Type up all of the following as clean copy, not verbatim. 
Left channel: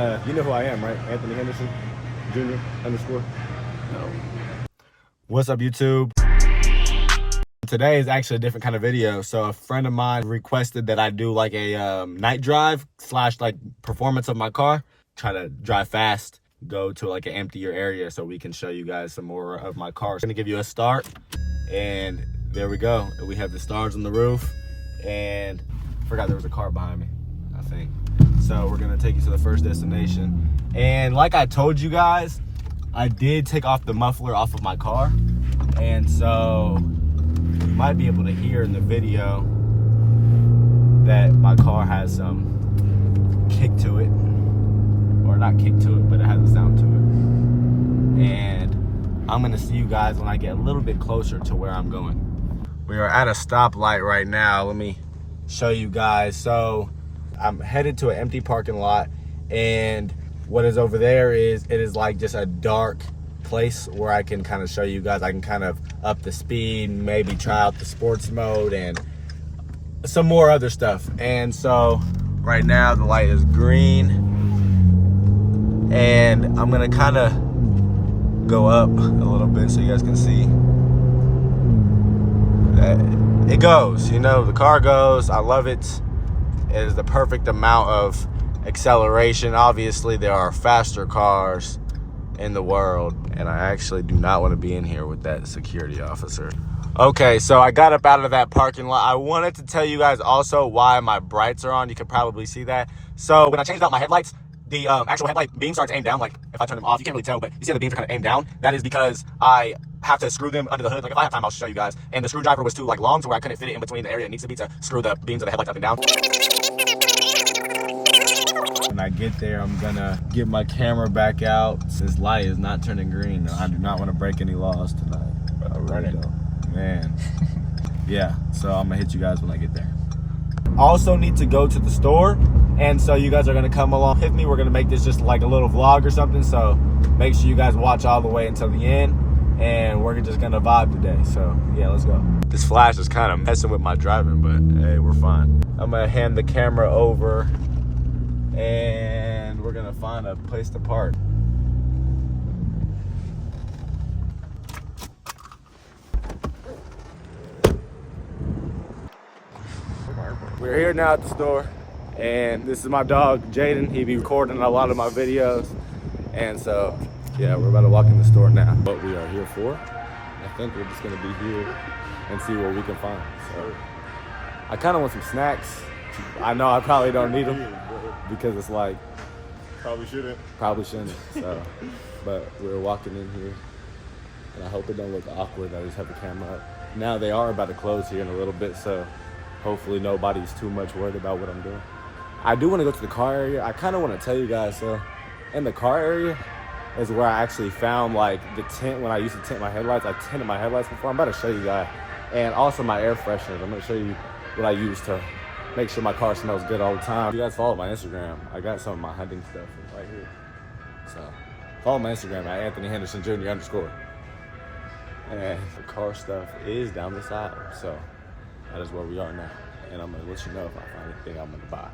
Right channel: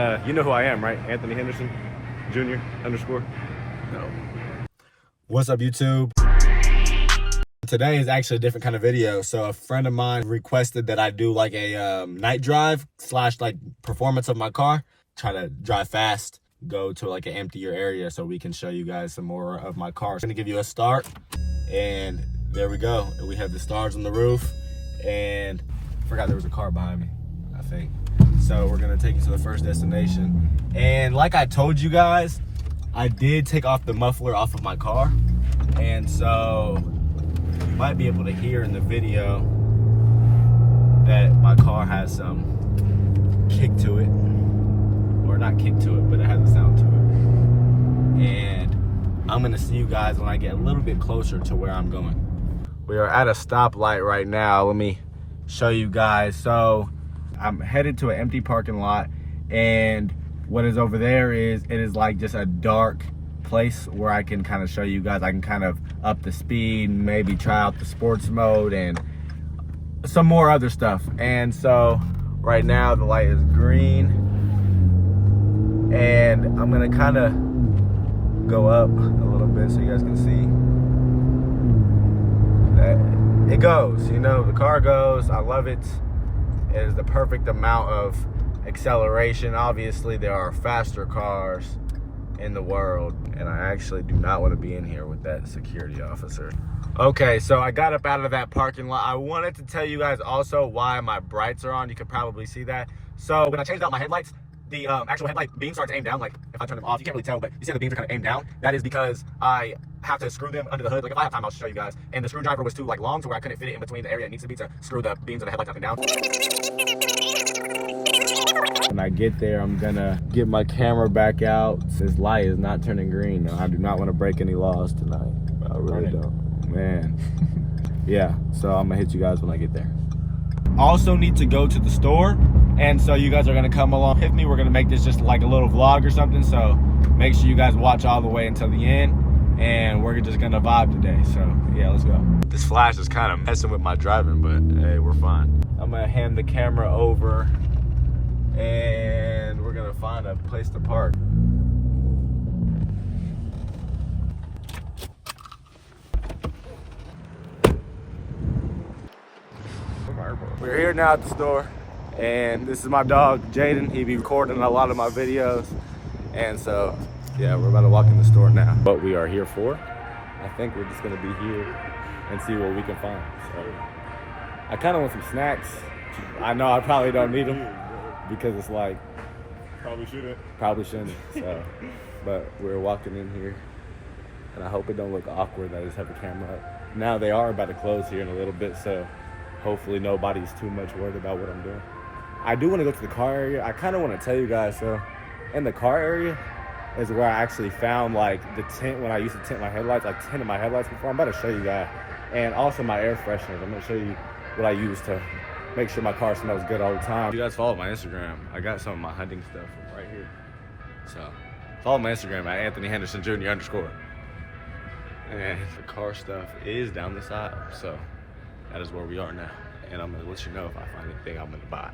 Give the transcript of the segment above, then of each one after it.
You know who I am, right? Anthony Henderson Jr. _ No. What's up, YouTube? Today is actually a different kind of video. So a friend of mine requested that I do like a night drive / like performance of my car. Try to drive fast, go to like an emptier area so we can show you guys some more of my car. I'm gonna give you a start, and there we go. We have the stars on the roof, and I forgot there was a car behind me, I think. So we're gonna take you to the first destination. And like I told you guys, I did take off the muffler off of my car. And so you might be able to hear in the video that my car has some kick to it. Or not kick to it, but it has a sound to it. And I'm gonna see you guys when I get a little bit closer to where I'm going. We are at a stoplight right now. Let me show you guys. So I'm headed to an empty parking lot, and what is over there is, it is like just a dark place where I can kind of show you guys. I can kind of up the speed, maybe try out the sports mode and some more other stuff. And so right now the light is green, and I'm gonna kind of go up a little bit so you guys can see that it goes, you know, the car goes. I love it. It is the perfect amount of acceleration. Obviously there are faster cars in the world, and I actually do not want to be in here with that security officer. Okay, so I got up out of that parking lot. I wanted to tell you guys also why my brights are on. You can probably see that. So when I changed out my headlights, the actual headlight beam starts aimed down. Like if I turn them off, you can't really tell, but you see how the beams are kind of aimed down. That is because I have to screw them under the hood. Like if I have time, I'll show you guys. And the screwdriver was too like long to where I couldn't fit it in between the area it needs to be to screw the beams of the headlights up and down. When I get there, I'm gonna get my camera back out. This light is not turning green. I do not want to break any laws tonight. I really don't, man. Yeah, so I'm gonna hit you guys when I get there. Also need to go to the store, and so you guys are gonna come along with me. We're gonna make this just like a little vlog or something, so make sure you guys watch all the way until the end, and we're just gonna vibe today. So yeah, let's go. This flash is kind of messing with my driving, but hey, we're fine. I'm gonna hand the camera over, and we're gonna find a place to park. We're here now at the store, and this is my dog Jaden. He be recording a lot of my videos, and so yeah, we're about to walk in the store now. What we are here for, I think we're just gonna be here and see what we can find. So I kind of want some snacks. I know I probably don't need them because it's like probably shouldn't. So but we're walking in here, and I hope it don't look awkward that I just have the camera up. Now they are about to close here in a little bit, so hopefully nobody's too much worried about what I'm doing. I do want to go to the car area. I kind of want to tell you guys, so in the car area is where I actually found like the tint. When I used to tint my headlights, I tinted my headlights before. I'm about to show you guys, and also my air fresheners. I'm gonna show you what I use to make sure my car smells good all the time. You guys follow my Instagram. I got some of my hunting stuff right here. So follow my Instagram at Anthony Henderson Jr. _ And the car stuff is down this aisle. So that is where we are now. And I'm gonna let you know if I find anything I'm gonna buy.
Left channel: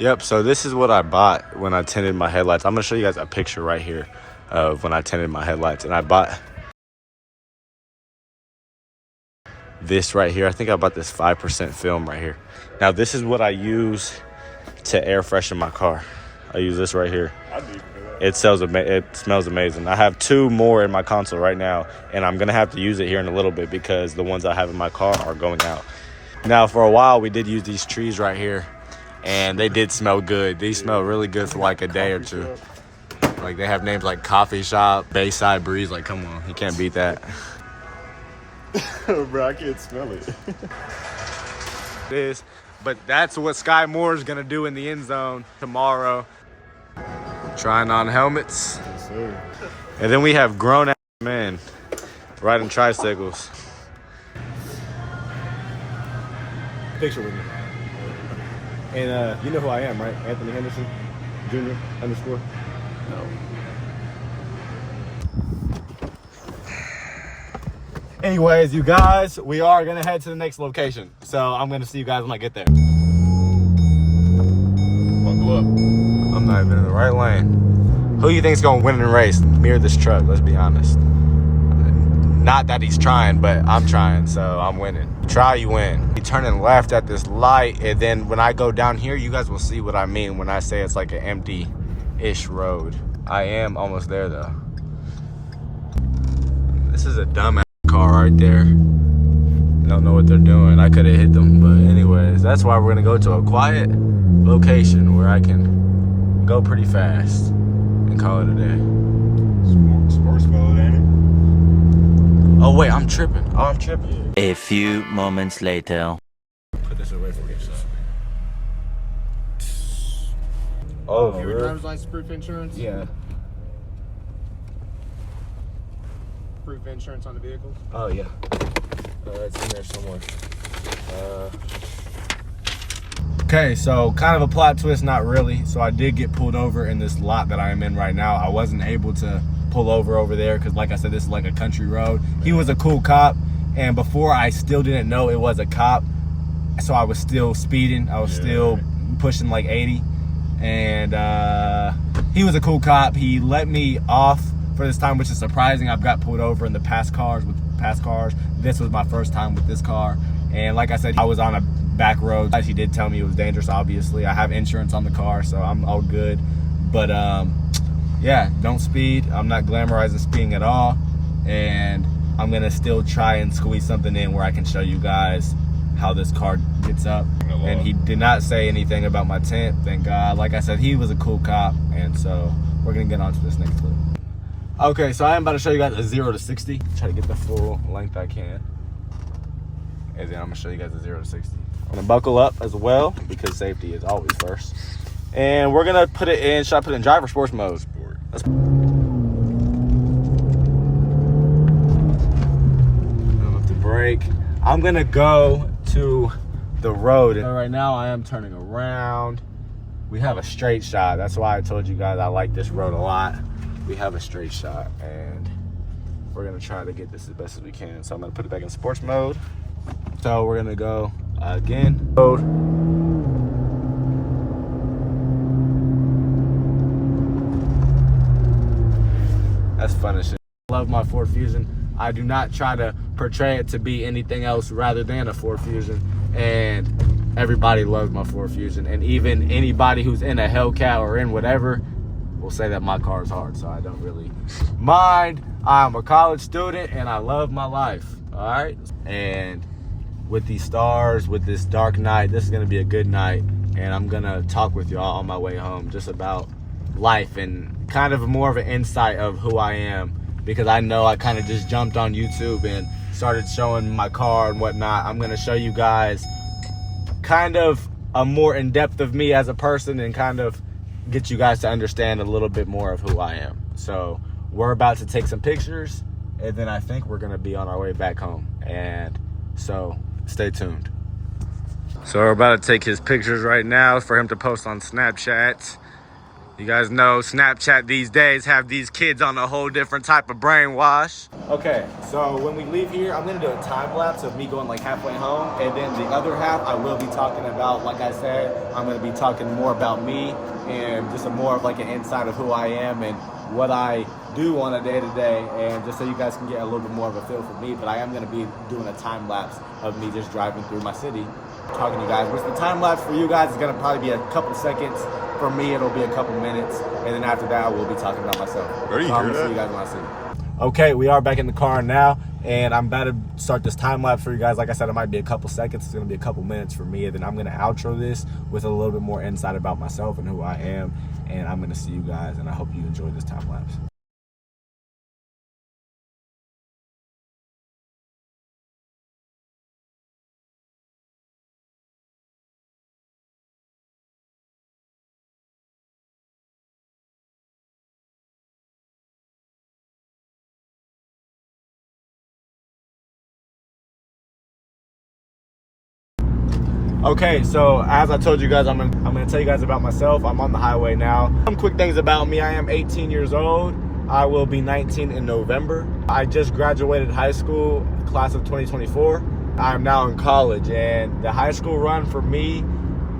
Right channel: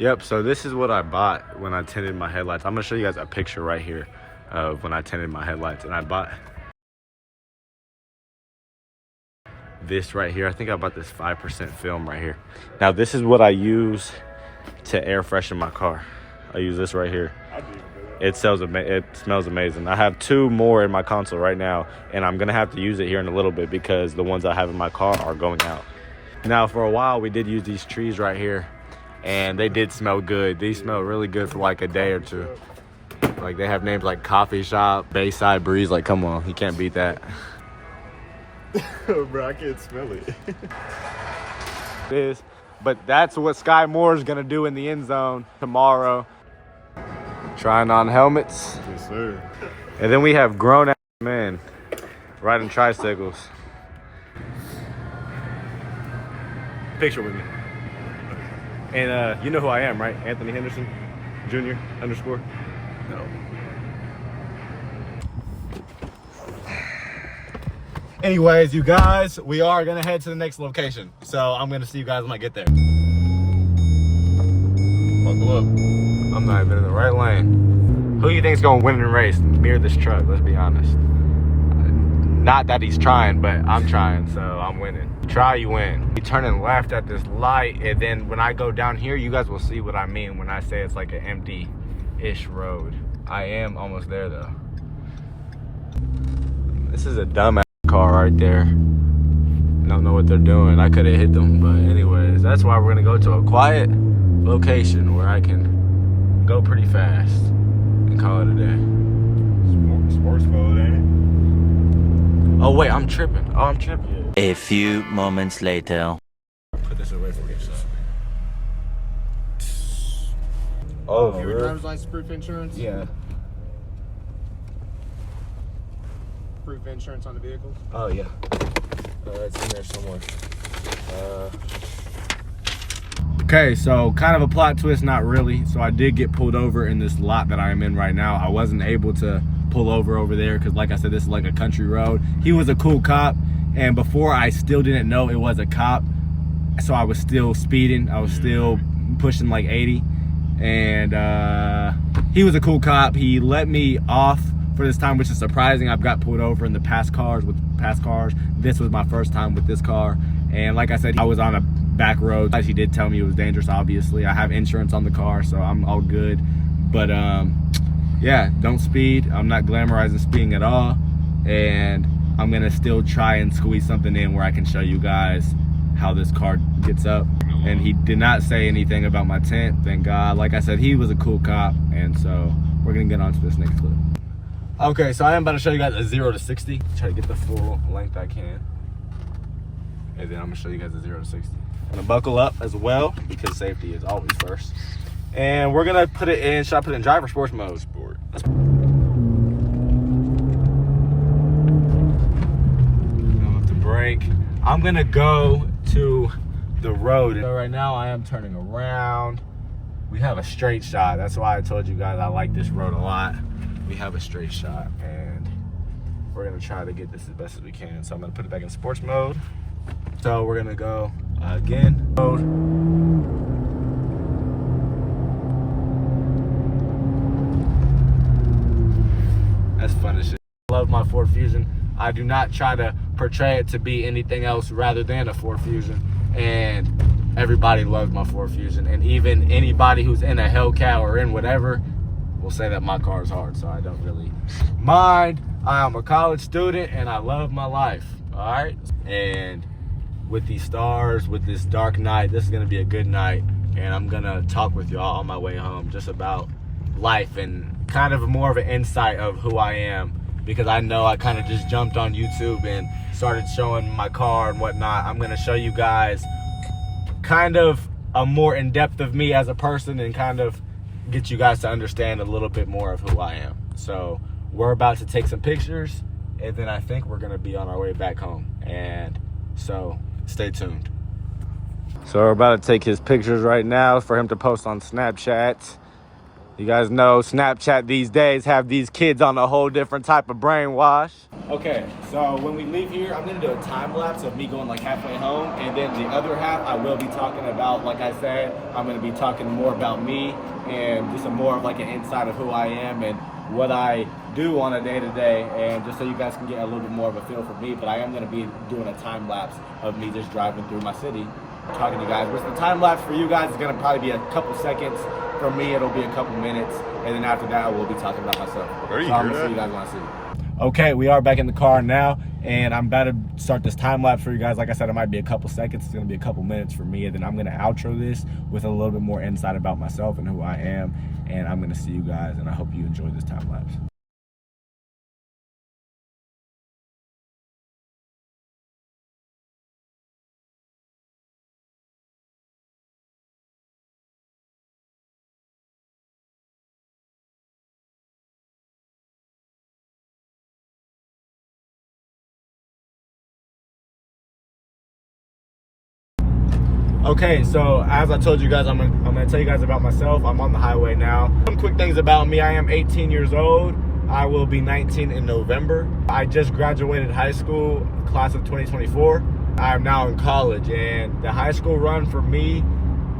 Yep, so this is what I bought when I tinted my headlights. I'm gonna show you guys a picture right here of when I tinted my headlights. And I bought this right here. I think I bought this 5% film right here. Now this is what I use to air freshen my car. I use this right here. It smells amazing. I have 2 more in my console right now, and I'm gonna have to use it here in a little bit because the ones I have in my car are going out. Now for a while we did use these trees right here, and they did smell good. These smell really good for like a day or two. Like they have names like Coffee Shop, Bayside Breeze. Like come on, you can't beat that. Bro, I can't smell it. It is, but that's what Sky Moore is gonna do in the end zone tomorrow. Trying on helmets. Yes, sir. And then we have grown ass men riding tricycles. Picture with me. And you know who I am, right? Anthony Henderson Jr. _ No. Anyways, you guys, we are gonna head to the next location. So I'm gonna see you guys when I get there. Buckle up. I'm not even in the right lane. Who you think's gonna win in the race? Me or this truck? Let's be honest. Not that he's trying, but I'm trying, so I'm winning. You try, you win. You turning left at this light, and then when I go down here, you guys will see what I mean when I say it's like an empty-ish road. I am almost there, though. This is a dumbass car right there. Don't know what they're doing. I could have hit them, but anyways, that's why we're gonna go to a quiet location where I can go pretty fast and call it a day. Sports mode, ain't it? Oh wait, I'm tripping. Oh, I'm tripping. A few moments later. Put this away for yourself. Oh, Your really? driver's license, proof insurance? Yeah. Proof insurance on the vehicle? Oh yeah. It's in there somewhere. Okay, so kind of a plot twist, not really. So I did get pulled over in this lot that I am in right now. I wasn't able to pull over there because, like I said, this is like a country road. He was a cool cop, and before I still didn't know it was a cop, so I was still speeding. I was still pushing like 80, and he was a cool cop. He let me off for this time, which is surprising. I've got pulled over in the past cars. This was my first time with this car, and like I said, I was on a back road. He did tell me it was dangerous. Obviously, I have insurance on the car, so I'm all good. But yeah, don't speed. I'm not glamorizing speeding at all, and I'm gonna still try and squeeze something in where I can show you guys how this car gets up. And he did not say anything about my tint, thank God. Like I said, he was a cool cop, and so we're gonna get on to this next clip. Okay, so I am about to show you guys a 0 to 60. Try to get the full length I can, and then I'm gonna show you guys a 0 to 60. I'm gonna buckle up as well because safety is always first. And we're gonna put it in, should I put it in drive or sports mode? Sport. Let's with the brake. I'm gonna go to the road. So right now I am turning around. We have a straight shot. That's why I told you guys I like this road a lot. We have a straight shot, and we're gonna try to get this as best as we can. So I'm gonna put it back in sports mode. So we're gonna go again. That's fun as shit. I love my Ford Fusion. I do not try to portray it to be anything else rather than a Ford Fusion. And everybody loves my Ford Fusion. And even anybody who's in a Hellcat or in whatever will say that my car is hard. So I don't really mind. I'm a college student and I love my life. All right. And with these stars, with this dark night, this is gonna be a good night. And I'm gonna talk with y'all on my way home just about life and kind of more of an insight of who I am, because I know I kind of just jumped on YouTube and started showing my car and whatnot. I'm gonna show you guys kind of a more in-depth of me as a person and kind of get you guys to understand a little bit more of who I am. So we're about to take some pictures, and then I think we're gonna be on our way back home. And so stay tuned. So we're about to take his pictures right now for him to post on Snapchat. You guys know Snapchat these days have these kids on a whole different type of brainwash. Okay, so when we leave here, I'm gonna do a time lapse of me going like halfway home, and then the other half I will be talking about, like I said, I'm gonna be talking more about me and just more of like an insight of who I am and what I do on a day-to-day, and just so you guys can get a little bit more of a feel for me. But I am gonna be doing a time lapse of me just driving through my city, talking to you guys, which the time lapse for you guys is gonna probably be a couple seconds. For me, it'll be a couple minutes, and then after that, I will be talking about myself. So I'm gonna see you guys when I see you. Okay, we are back in the car now, and I'm about to start this time lapse for you guys. Like I said, it might be a couple seconds. It's gonna be a couple minutes for me, and then I'm gonna outro this with a little bit more insight about myself and who I am, and I'm gonna see you guys, and I hope you enjoy this time lapse. Okay, so as I told you guys, I'm gonna tell you guys about myself. I'm on the highway now. Some quick things about me. I am 18 years old. I will be 19 in November. I just graduated high school, class of 2024. I'm now in college, and the high school run for me,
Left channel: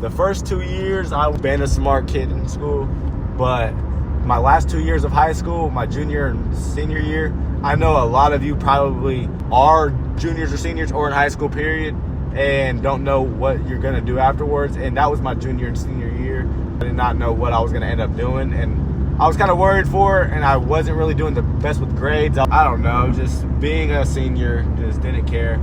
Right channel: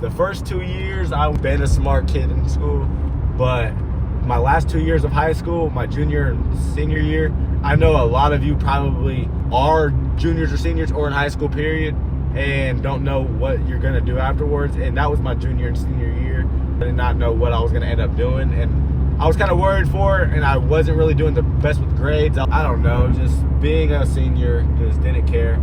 the first 2 years, I've been a smart kid in school. But my last 2 years of high school, my junior and senior year, I know a lot of you probably are juniors or seniors or in high school period and don't know what you're gonna do afterwards. And that was my junior and senior year. I did not know what I was gonna end up doing, and I was kind of worried for it, and I wasn't really doing the best with grades. I don't know, just being a senior, just didn't care.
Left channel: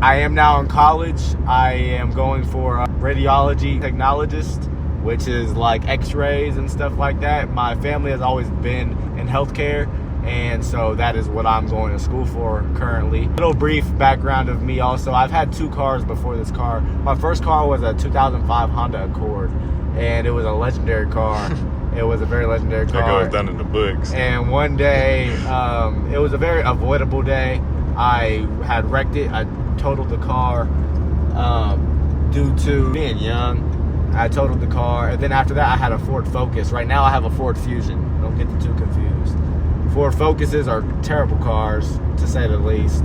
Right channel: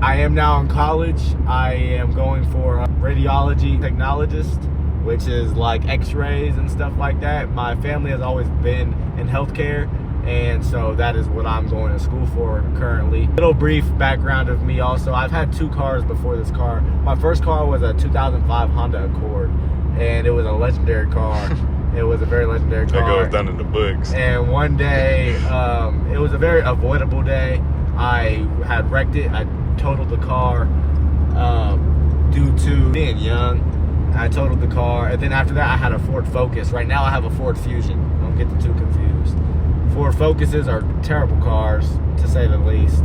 I am now in college. I am going for a radiology technologist, which is like x-rays and stuff like that. My family has always been in healthcare, and so that is what I'm going to school for currently. Little brief background of me also, I've had 2 cars before this car. My first car was a 2005 Honda Accord, and it was a legendary car. It was a very legendary car. That goes down in the books. And one day, it was a very avoidable day. I had wrecked it. I totaled the car due to being young. I totaled the car, and then after that I had a Ford Focus. Right now I have a Ford Fusion. Don't get the two confused. Ford Focuses are terrible cars, to say the least.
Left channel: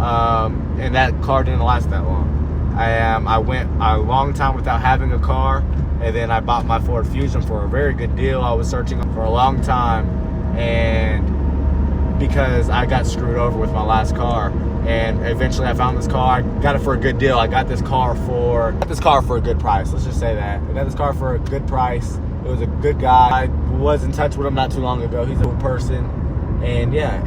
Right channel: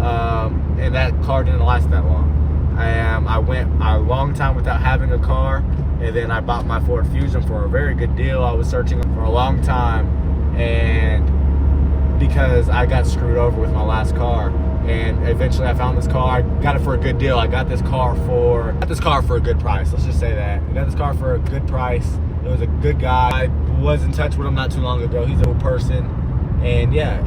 And that car didn't last that long. I went a long time without having a car, and then I bought my Ford Fusion for a very good deal. I was searching for a long time, and because I got screwed over with my last car, and eventually I found this car. I got it for a good deal. I got this car for a good price. Let's just say that. I got this car for a good price. It was a good guy. I was in touch with him not too long ago. He's a good person, and yeah.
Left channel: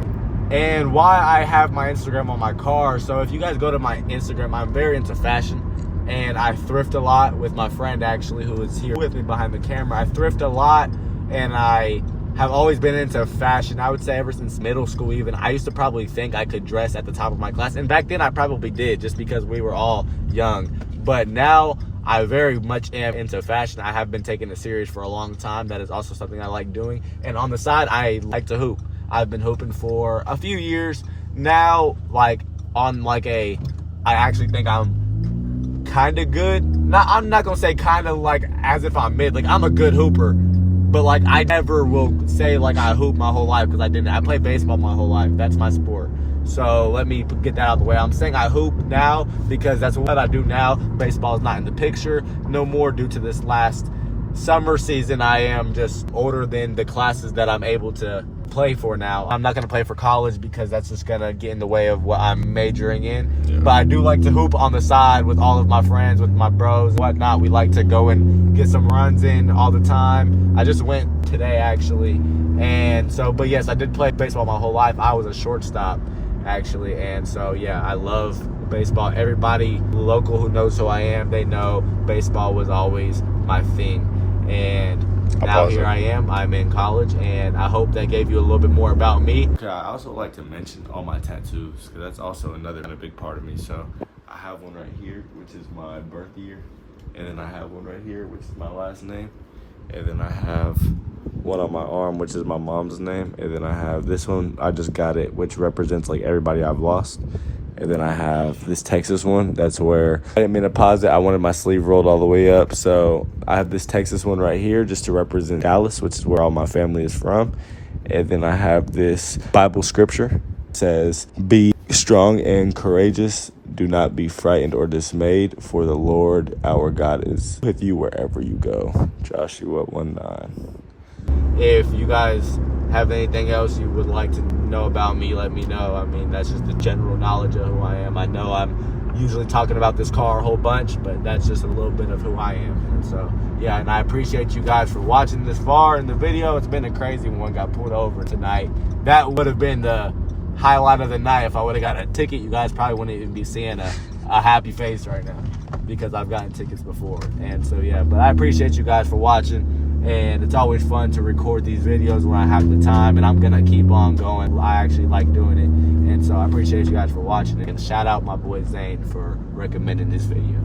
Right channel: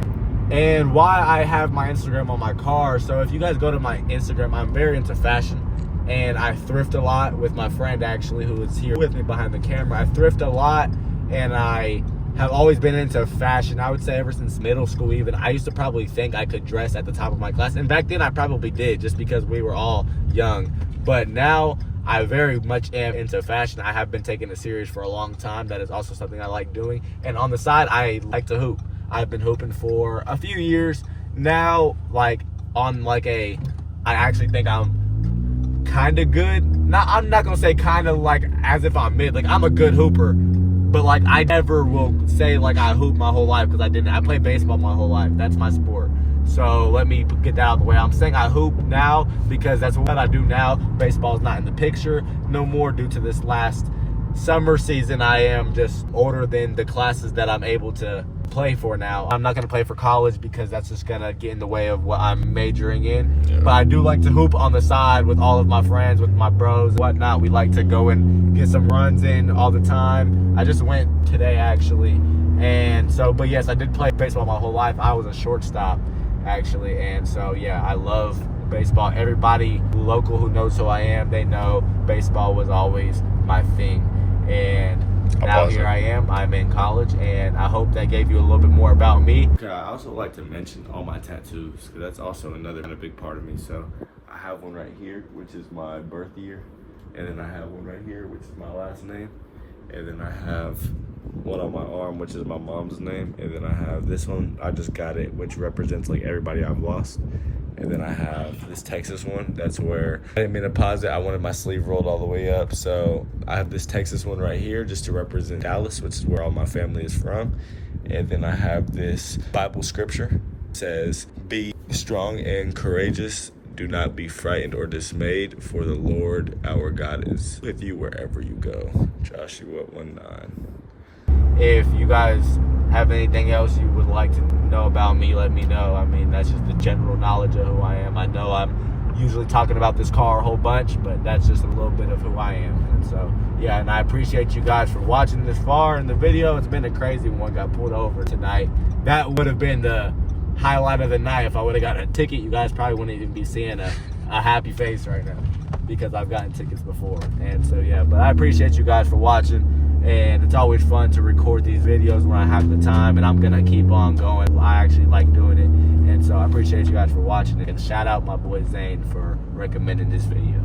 And why I have my Instagram on my car. So if you guys go to my Instagram, I'm very into fashion, and I thrift a lot with my friend actually, who is here with me behind the camera. I thrift a lot, and I have always been into fashion. I would say ever since middle school even. I used to probably think I could dress at the top of my class, and back then I probably did, just because we were all young. But now I very much am into fashion. I have been taking it serious for a long time. That is also something I like doing. And on the side, I like to hoop. I've been hooping for a few years now, like on like I actually think I'm kind of good. I'm not gonna say kind of like as if I'm mid. Like, I'm a good hooper, but like I never will say like I hoop my whole life, because I didn't. I played baseball my whole life. That's my sport. So let me get that out of the way. I'm saying I hoop now because that's what I do now. Baseball is not in the picture no more due to this last summer season. I am just older than the classes that I'm able to play for now. I'm not going to play for college because that's just going to get in the way of what I'm majoring in. Yeah. But I do like to hoop on the side with all of my friends, with my bros and whatnot. We like to go and get some runs in all the time. I just went today actually. And so, but yes, I did play baseball my whole life. I was a shortstop actually. And so yeah, I love baseball. Everybody local who knows who I am, they know baseball was always my thing. And now here I am. I'm in college, and I hope that gave you a little bit more about me. Okay, I also like to mention all my tattoos, because that's also another kind of big part of me. So I have one right here, which is my birth year, and then I have one right here, which is my last name, and then I have one on my arm, which is my mom's name, and then I have this one. I just got it, which represents like everybody I've lost. And then I have this Texas one. That's where I didn't mean to pause it. I wanted my sleeve rolled all the way up. So I have this Texas one right here just to represent Dallas, which is where all my family is from. And then I have this Bible scripture. It says, "Be strong and courageous. Do not be frightened or dismayed, for the Lord our God is with you wherever you go." Joshua 1:9. If you guys have anything else you would like to know about me, let me know. I mean, that's just the general knowledge of who I am. I know I'm usually talking about this car a whole bunch, but that's just a little bit of who I am. And so, yeah, and I appreciate you guys for watching this far in the video. It's been a crazy one. Got pulled over tonight. That would have been the highlight of the night. If I would have gotten a ticket, you guys probably wouldn't even be seeing a happy face right now, because I've gotten tickets before. And so, yeah, but I appreciate you guys for watching. And it's always fun to record these videos when I have the time, and I'm gonna keep on going. I actually like doing it, and so I appreciate you guys for watching it. And shout out my boy Zane for recommending this video.